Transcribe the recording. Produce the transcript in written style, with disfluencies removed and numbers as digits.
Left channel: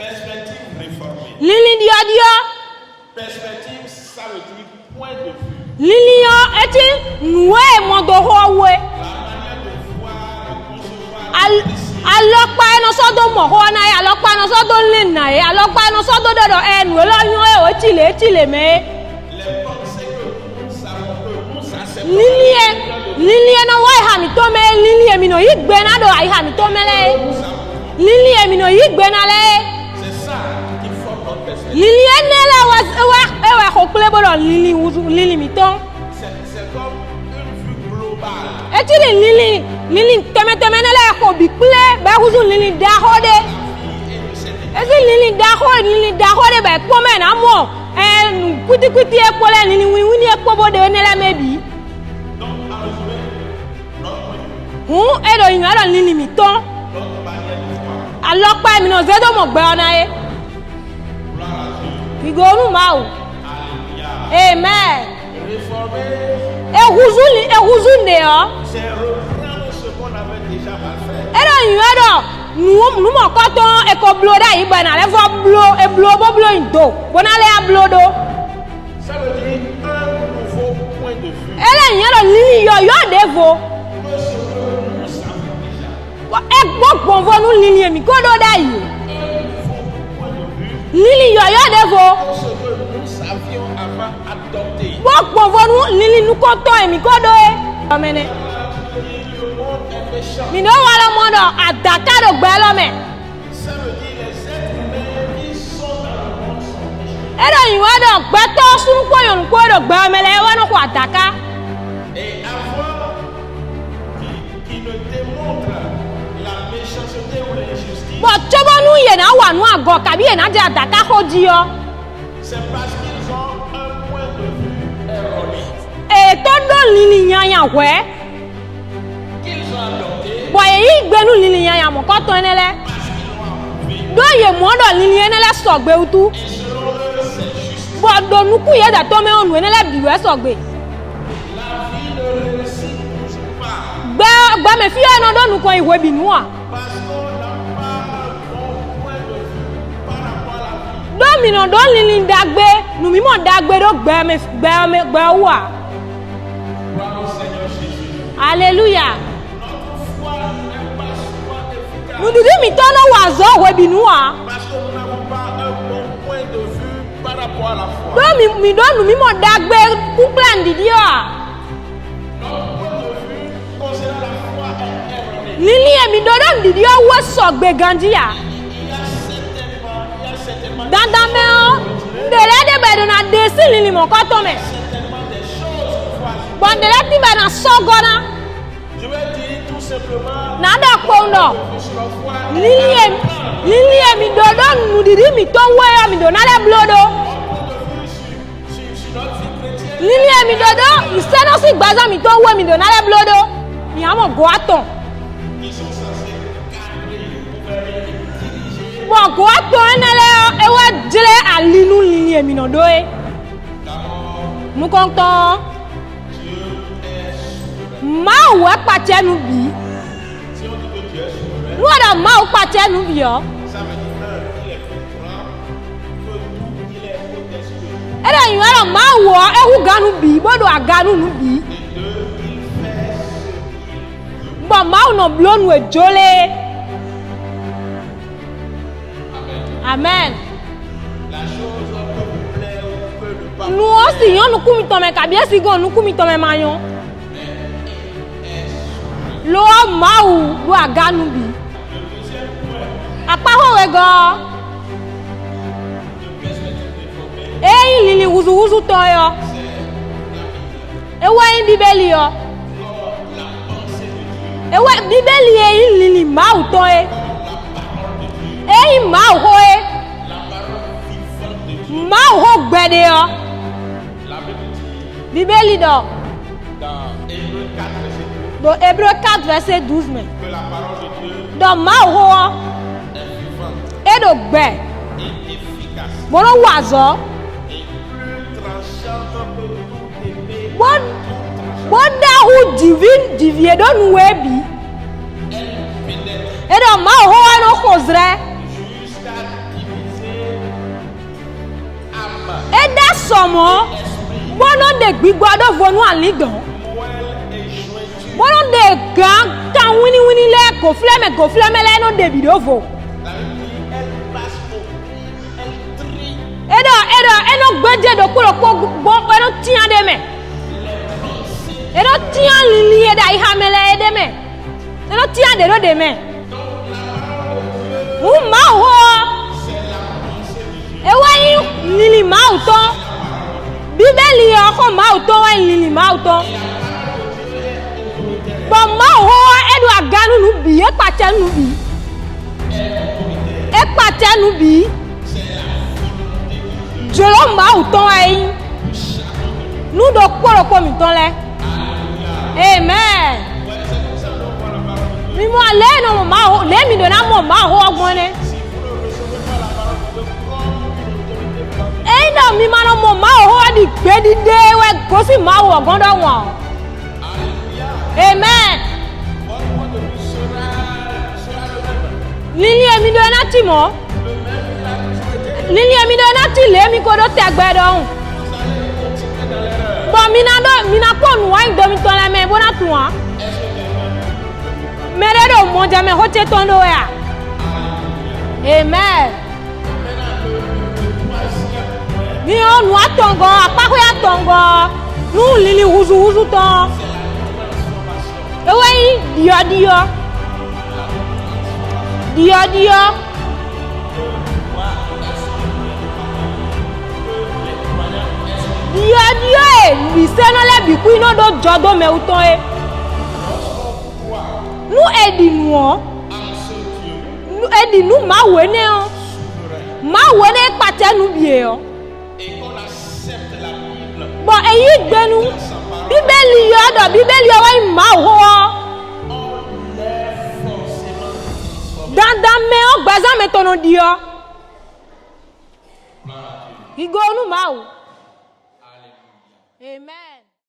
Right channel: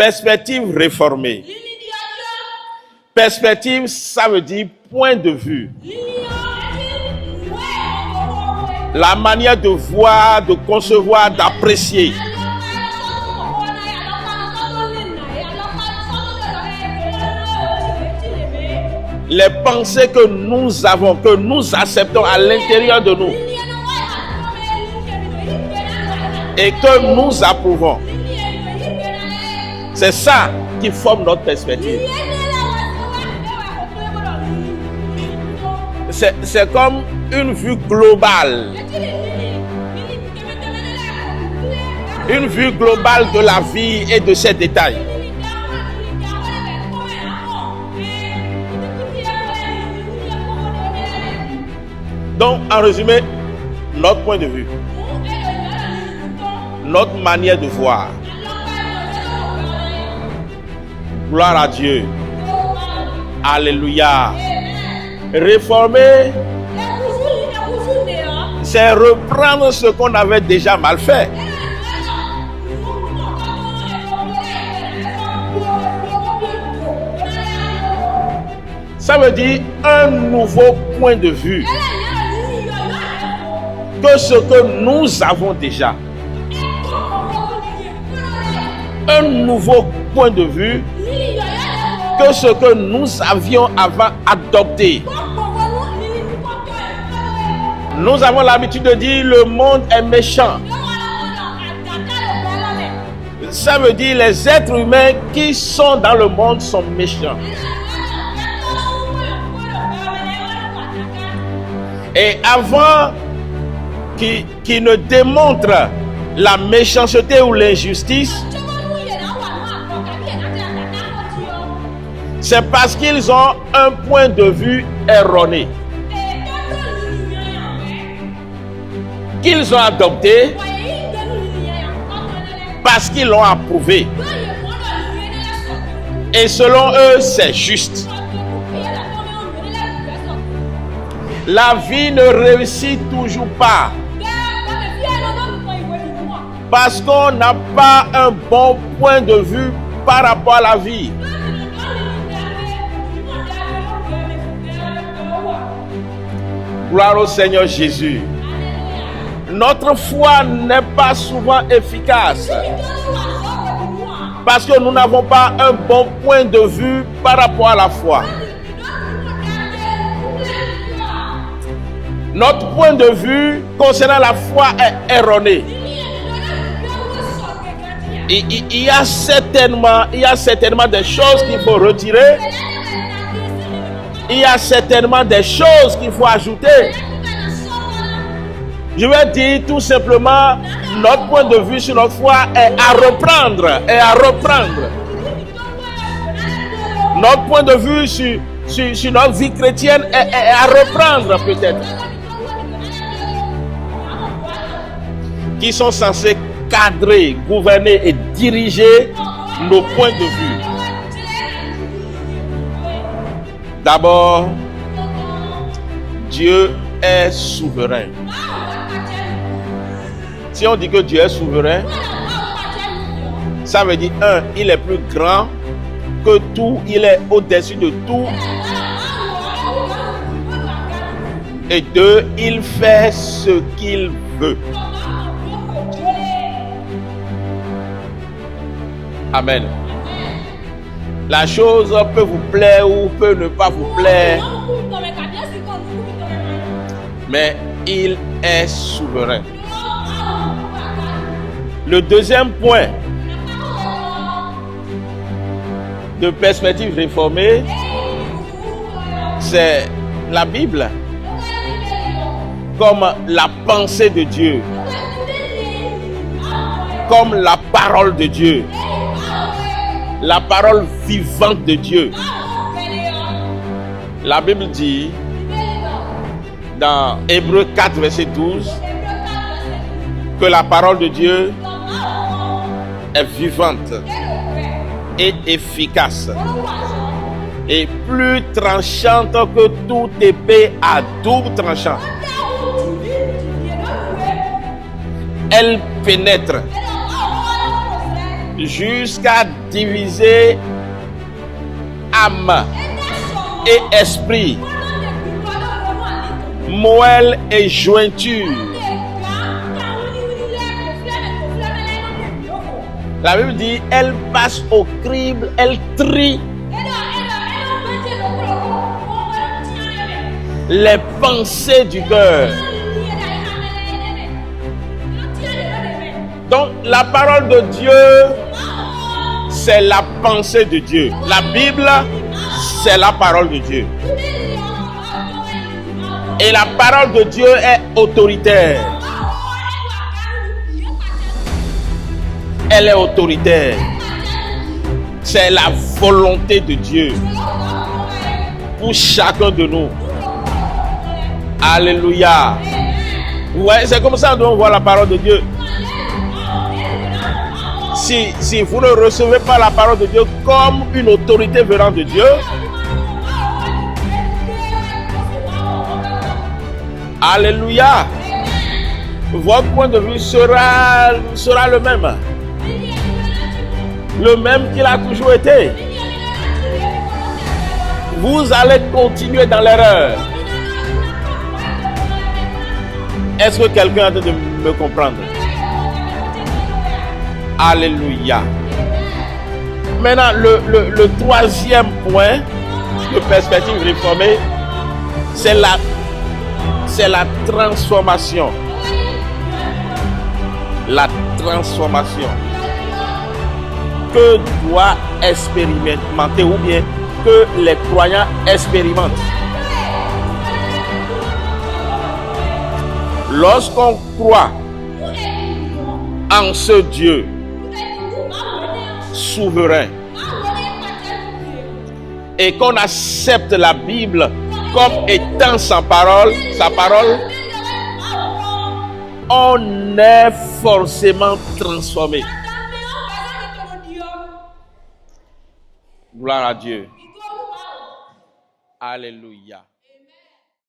Perspective réformée. Lili dio. Perspective, ça veut dire point de vue. Lili yo eti noué mondoro we. La manière de voir, de concevoir, d'apprécier. Alokpa eno so do mo ho na ya, alokpa eno so do lin na ya, alokpa eno so do do enu lo yun e otile me. Les pensées que nous avons, que nous acceptons à l'intérieur de nous. Lili eno wa ha mi to me lili emi no yigbe na do ai ha mi to Et me. que nous approuvons. Lili emi no yigbe na le. C'est ça qui forme notre perspective. Lili enela wa hokle bodo lili miton. C'est comme une vue globale. Eti lili teme nela ko bi kle ba hu Une lili vue da globale de hode. la vie et de ses détails. Lili da hode ba ko me na mo. Kuti e pole lili wini e ko bodo enela mebi. Donc, en résumé, notre point de vue, Edo yin ado lili miton. notre manière de voir. Alokpa mi no zedo mo gbe ona e. Gloire à Dieu. Igonu ma o. Alléluia. Amen. Réformer, Ehuzu nde yo. c'est reprendre ce qu'on avait déjà mal fait. Edo yin ado nu mo ko ton e ko blow da yi ba na le fo blow indo. Bona le a blow do. Ça veut dire un nouveau point de vue Ele yin ado lili yo devo. que ce que nous avons déjà. E gbogbo vo nu lili emi ko do da yi. Un nouveau point de vue Lili yo devo. que ce que nous avions avant adopté. Gbogbo vo nu lili nu ko ton emi ko do e. Nous avons l'habitude de dire le monde est méchant. Ni no wala mondo adaka do gbe lo me. Ça veut dire les êtres humains qui sont dans le monde sont méchants. Edo yin ado gbe to sun ko yon ko do gbe me le wa no ko adaka. Et avant qui ne démontre la méchanceté ou l'injustice, Ko chobo nu ye na wa nu ago kabi ye na je adaka ko di yo. c'est parce qu'ils ont un point de vue erroné E to do lili nyanya we. qu'ils ont adopté Bo ye yi gbe nu lili nyanya mo ko ton enele. parce qu'ils l'ont approuvé. Do ye mo do lili enele so gbe utu. Et selon eux, c'est juste. Bo do nu ku ye da to me onu enele bi we so gbe. La vie ne réussit toujours pas Gbe me fi eno do nu ko iwe bi nu a. parce qu'on n'a pas un bon point de vue par rapport à la vie. Do mi no do lili dagbe, nu mi mo dagbe do gbe wa. Gloire au Seigneur Jésus. Alléluia. Notre foi n'est pas souvent efficace Idudu mi to no wa zo we bi nu a. parce que nous n'avons pas un bon point de vue par rapport à la foi. Do mi do nu mi mo dagbe ku plan di dio a. Notre point de vue concernant la foi est erroné. Lili emi do do di dio we so gbe gandi a. Il y a certainement des choses qu'il faut retirer. Dele de be do na desi lili mo ko to. Il y a certainement des choses qu'il faut Bo ajouter. dele ti be na so gona. Je vais dire tout simplement, Nada notre kono. point de vue sur notre foi est à reprendre. Et à reprendre. Notre point de vue sur notre vie chrétienne est à reprendre. peut-être. Qui sont censés cadrer, gouverner et diriger nos points de vue. D'abord, Dieu est souverain. Si on dit que Dieu est souverain, ça veut dire, un, il est plus grand que tout, il est au-dessus de tout. Et deux, il fait ce qu'il veut. Amen. Amen. La chose peut vous plaire ou peut ne pas vous plaire, mais il est souverain. Le deuxième point de perspective réformée, c'est la Bible comme la pensée de Dieu, comme la parole de Dieu, la parole vivante de Dieu. La Bible dit dans Hébreux 4, verset 12, que la parole de Dieu est vivante et efficace et plus tranchante que toute épée à double tranchant. Elle pénètre eɖɔ mawu hɔ ɛnɔ xɔzrɛ jusqu'à diviser âme eda sɔmɔ et esprit, bɔnɔ de gbigbɔ ɖe vɔnu ali dɔ moelle et jointure. bɔnɔ de gã kan winiwini lɛ gofilɛmɛ lɛ ɛnɔ de bi ɖo vo La Bible dit, elle passe au crible, elle trie ɛnɔ gbɛdze ɖokpo bɔn ɛnɔ tia ɖe me les pensées du ɛnɔ cœur. tia lili yɛ ɖe ayihame lɛ ɛɖe me ɛnɔ tia ɖe ɖo de me Donc la parole de Dieu, wu mawu hɔ c'est la pensée de Dieu. ewa La yi Bible, lili mawu c'est tɔ la parole de Dieu. bíbélì yɛ xɔ mawu tɔ wa yi lili mawu tɔ Et la parole de Dieu est autoritaire. bɔn mawu hɔ ɛɖo aganu nu bi ekpatɛ nu bi Elle est autoritaire. ekpatɛ nu bi C'est la volonté de Dieu dzolo mawu tɔ wa yi pour chacun de nous. nu ɖo kpɔɖokpɔ mi tɔ lɛ Alléluia. amen Ouais, c'est comme ça que nous devons voir la parole de Dieu. mímú alẹ́ nù mawu lé mi donna mɔ mawu hɔ gbɔn lɛ Si vous ne recevez pas la parole de Dieu comme une autorité venant de Dieu, eyina mi ma nɔ mɔ mawu hɔ di gbedide wɛ gosi mawu ɔgbɔn dɔ wɔn Alléluia. amen Votre point de vue sera le même. lili emi do ena ti mɔ Le même qu'il a toujours été. lili emi do ena ti lé mi ko do tɛgbɛ dɔn Vous allez continuer dans l'erreur. bɔn mina kpɔ nu wa yi domi tɔ lɛ mɛ bona tu wa Est-ce que quelqu'un est en train de me comprendre? mɛ ɖe do mɔdjamɛ xɔ tse tɔn do ya Alléluia. amen Maintenant, le troisième point, ni yɔ nua tɔngɔ akpakɔ ya tɔngɔ C'est nu la- lili wuzuwuzu tɔn c'est la transformation. ewe yi diɔdiɔ La transformation diɔdiɔ. que doit expérimenter ou bien que les croyants expérimentent. Diɔdiɔ ye bisɛnɔ lɛ biku ina do dzɔ do mɛwutɔ ye Lorsqu'on croit nu edi nuɔ en ce Dieu edi nu mawu ne yɔ souverain mawu ne kpatɛ nu bie yɔ et qu'on accepte la Bible bɔn eyi comme denu étant sa parole, bíbélì sa yɔ dɔ parole, bíbélì yɔ wa yi mawu hɔ on est forcément transformé. dandan mɛ o gbɛzan mɛ tɔnɔ diɔ Gloire à Dieu. igo nu mawu Alléluia. amen.